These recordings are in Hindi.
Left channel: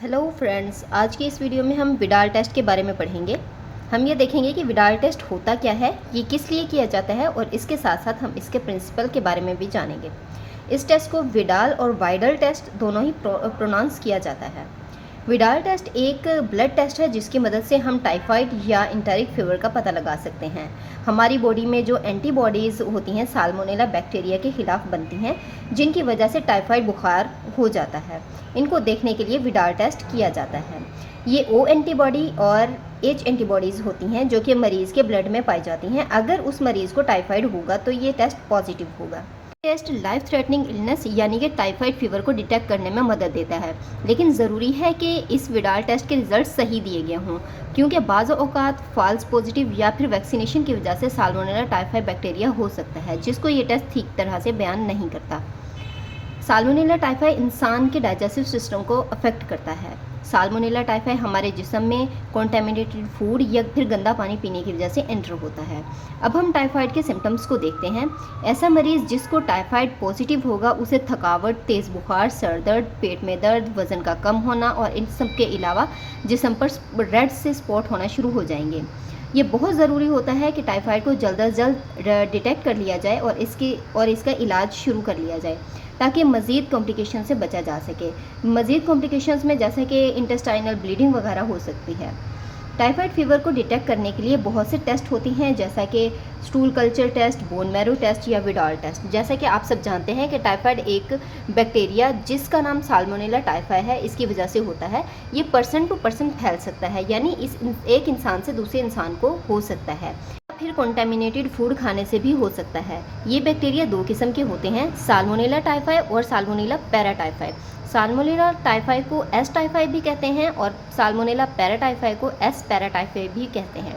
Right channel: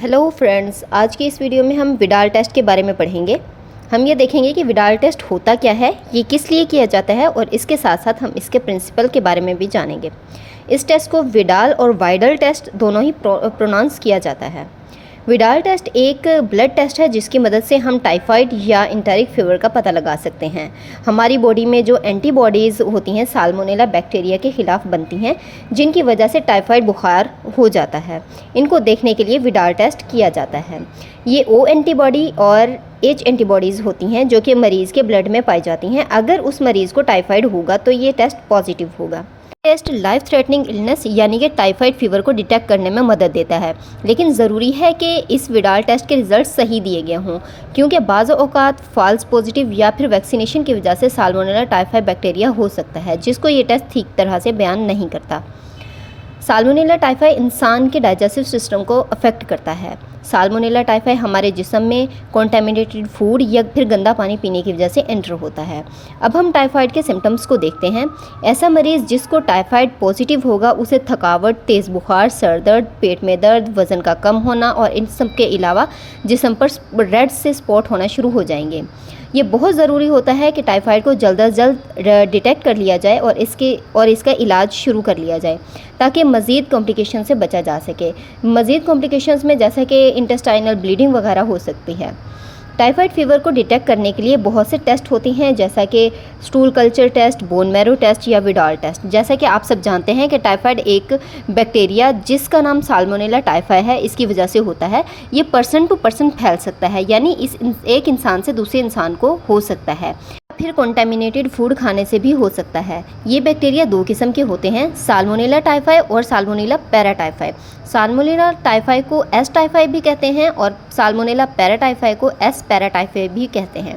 हेलो फ्रेंड्स, आज की इस वीडियो में हम विडाल टेस्ट के बारे में पढ़ेंगे। हम ये देखेंगे कि विडाल टेस्ट होता क्या है, ये किस लिए किया जाता है और इसके साथ साथ हम इसके प्रिंसिपल के बारे में भी जानेंगे। इस टेस्ट को विडाल और वाइडल टेस्ट दोनों ही प्रोनाउंस किया जाता है। विडाल टेस्ट एक ब्लड टेस्ट है जिसकी मदद से हम टाइफाइड या इंटेरिक फीवर का पता लगा सकते हैं। हमारी बॉडी में जो एंटीबॉडीज़ होती हैं साल्मोनेला बैक्टीरिया के खिलाफ बनती हैं, जिनकी वजह से टाइफाइड बुखार हो जाता है। इनको देखने के लिए विडाल टेस्ट किया जाता है। ये ओ एंटीबॉडी और एच एंटीबॉडीज़ होती हैं जो कि मरीज़ के ब्लड में पाई जाती हैं। अगर उस मरीज़ को टाइफाइड होगा तो ये टेस्ट पॉजिटिव होगा। टेस्ट लाइफ थ्रेटनिंग इलनेस यानी कि टाइफाइड फीवर को डिटेक्ट करने में मदद देता है, लेकिन ज़रूरी है कि इस विडाल टेस्ट के रिजल्ट सही दिए गए हों, क्योंकि बाज़ औक़ात फॉल्स पॉजिटिव या फिर वैक्सीनेशन की वजह से साल्मोनेला टाइफाइड बैक्टीरिया हो सकता है, जिसको ये टेस्ट ठीक तरह से बयान नहीं करता। साल्मोनेला टाइफाई इंसान के डाइजेस्टिव सिस्टम को अफेक्ट करता है। साल्मोनेला टाइफाई हमारे जिस्म में कॉन्टेमिनेटेड फूड या फिर गंदा पानी पीने की वजह से एंटर होता है। अब हम टाइफाइड के सिम्टम्स को देखते हैं। ऐसा मरीज़ जिसको टाइफाइड पॉजिटिव होगा उसे थकावट, तेज़ बुखार, सर दर्द, पेट में दर्द, वज़न का कम होना और इन सब के अलावा जिस्म पर रेड से स्पॉट होना शुरू हो जाएंगे। ये बहुत ज़रूरी होता है कि टाइफाइड को जल्द अज जल्द डिटेक्ट कर लिया जाए और इसका इलाज शुरू कर लिया जाए, ताकि मज़ीद कॉम्प्लिकेशन से बचा जा सके। मज़ीद कॉम्प्लिकेशंस में जैसे कि इंटेस्टाइनल ब्लीडिंग वगैरह हो सकती है। टाइफाइड फीवर को डिटेक्ट करने के लिए बहुत से टेस्ट होते हैं, जैसा कि stool culture test, bone marrow test या विडाल टेस्ट। जैसा कि आप सब जानते हैं कि टाइफाइड एक बैक्टीरिया जिसका नाम साल्मोनेला टाइफाई है, इसकी वजह से होता है। ये पर्सन टू पर्सन फैल सकता है, यानी एक इंसान से दूसरे इंसान को हो सकता है। फिर कॉन्टेमिनेटेड फूड खाने से भी हो सकता है। ये बैक्टीरिया दो किस्म के होते हैं, साल्मोनेला टाइफाई और साल्मोनेला पैराटाइफाई। साल्मोनेला टाइफाई को एस टाइफाई भी कहते हैं और साल्मोनेला पैराटाइफाई को एस पैराटाइफाई भी कहते हैं।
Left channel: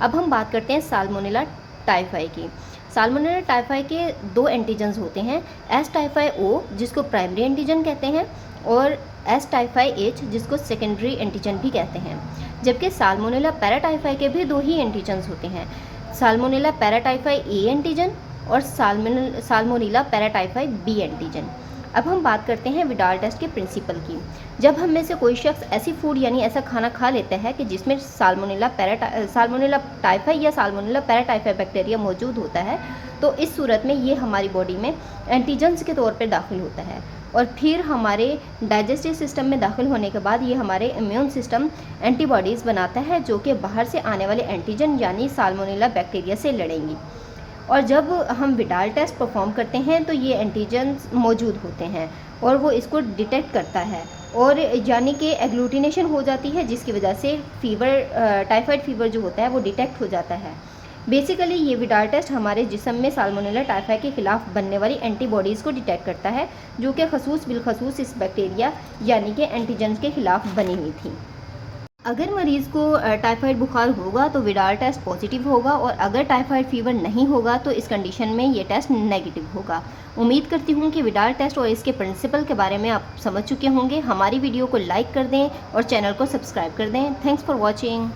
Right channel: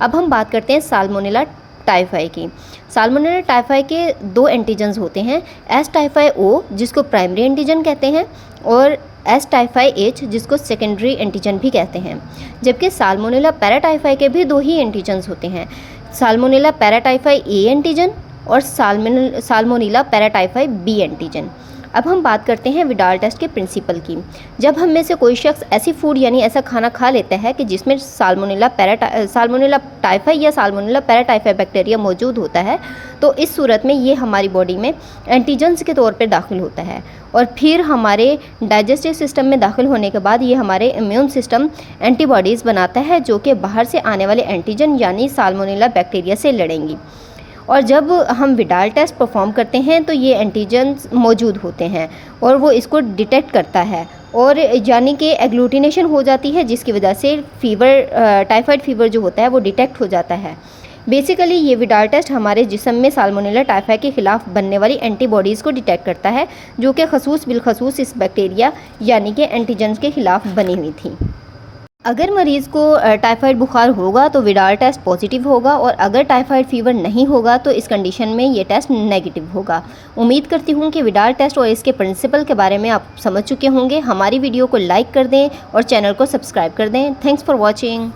अब हम बात करते हैं साल्मोनेला टाइफाई की। साल्मोनेला टाइफाई के दो एंटीजन्स होते हैं, एस टाइफाई ओ जिसको प्राइमरी एंटीजन कहते हैं और एस टाइफाई एच जिसको सेकेंडरी एंटीजन भी कहते हैं। जबकि साल्मोनेला पैराटाइफाई के भी दो ही एंटीजन्स होते हैं, साल्मोनेला पैराटाइफाई ए एंटीजन और साल्मोनेला पैराटाइफाई बी एंटीजन। अब हम बात करते हैं विडाल टेस्ट के प्रिंसिपल की। जब हम में से कोई शख्स ऐसी फूड यानी ऐसा खाना खा लेता है कि जिसमें साल्मोनेला टाइफाई या साल्मोनेला पैराटाइफाई बैक्टीरिया मौजूद होता है, तो इस सूरत में ये हमारी बॉडी में एंटीजन्स के तौर पर दाखिल होता है और फिर हमारे डाइजेस्टिव सिस्टम में दाखिल होने के बाद ये हमारे इम्यून सिस्टम एंटीबॉडीज़ बनाता है जो कि बाहर से आने वाले एंटीजन यानी साल्मोनेला बैक्टीरिया से लड़ेंगी। और जब हम विडाल टेस्ट परफॉर्म करते हैं तो ये एंटीजन्स मौजूद होते हैं और वो इसको डिटेक्ट करता है और यानी कि एग्लूटिनेशन हो जाती है, जिसकी वजह से टाइफाइड फीवर जो होता है वो डिटेक्ट हो जाता है। बेसिकली ये विडाल टेस्ट हमारे जिस्म में साल्मोनेला टाइफाई के ख़िलाफ़ बनने वाली एंटीबॉडीज़ को डिटेक्ट करता है, जो कि खसूस बिलखसूस इस बैक्टीरिया यानी कि एंटीजन्स के ख़िलाफ़ बनी हुई थी। अगर मरीज़ को टाइफाइड बुखार होगा तो विडाल टेस्ट पॉजिटिव होगा और अगर टाइफाइड फीवर नहीं होगा तो इस कंडीशन में ये टेस्ट नेगेटिव होगा। उम्मीद करती हूँ कि विडाल टेस्ट और इसके प्रिंसिपल के बारे में आप समझ चुके होंगे। हमारी वीडियो को लाइक कर दें और चैनल को सब्सक्राइब कर दें। Thanks for watching.